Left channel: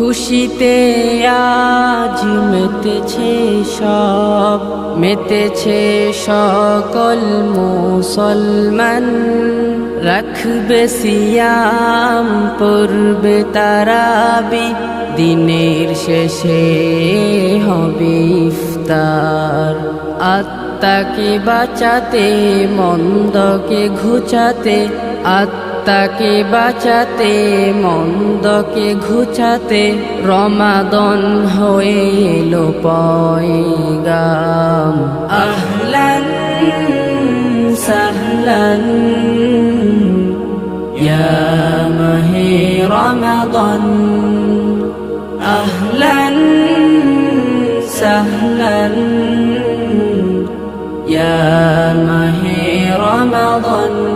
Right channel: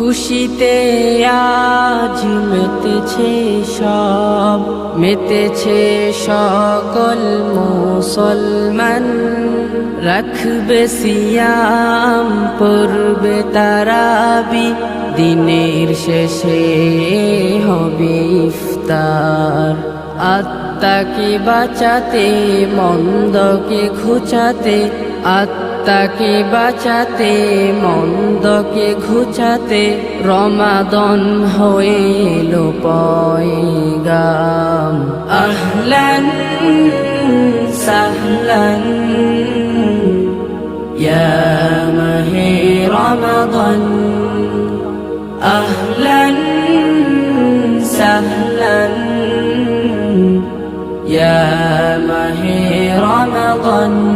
খুশিতে আজ মেতেছে সকল মুসলমান। রাখবে সিয়াম, পড়বে তারাবি, দিনের শেষে হবে ইফতার। আত্মাকে বাঁচাতে, মন্দকে ঘুচাতে, আত্মাকে বাঁচাতে, মন্দকে ঘুচাতে, রমাদান হয়ে এলো পয়গাম। আহলান সাহলান ইয়া মাহে রমাদান, আহলান সাহলান ইয়া মাহে রমাদান।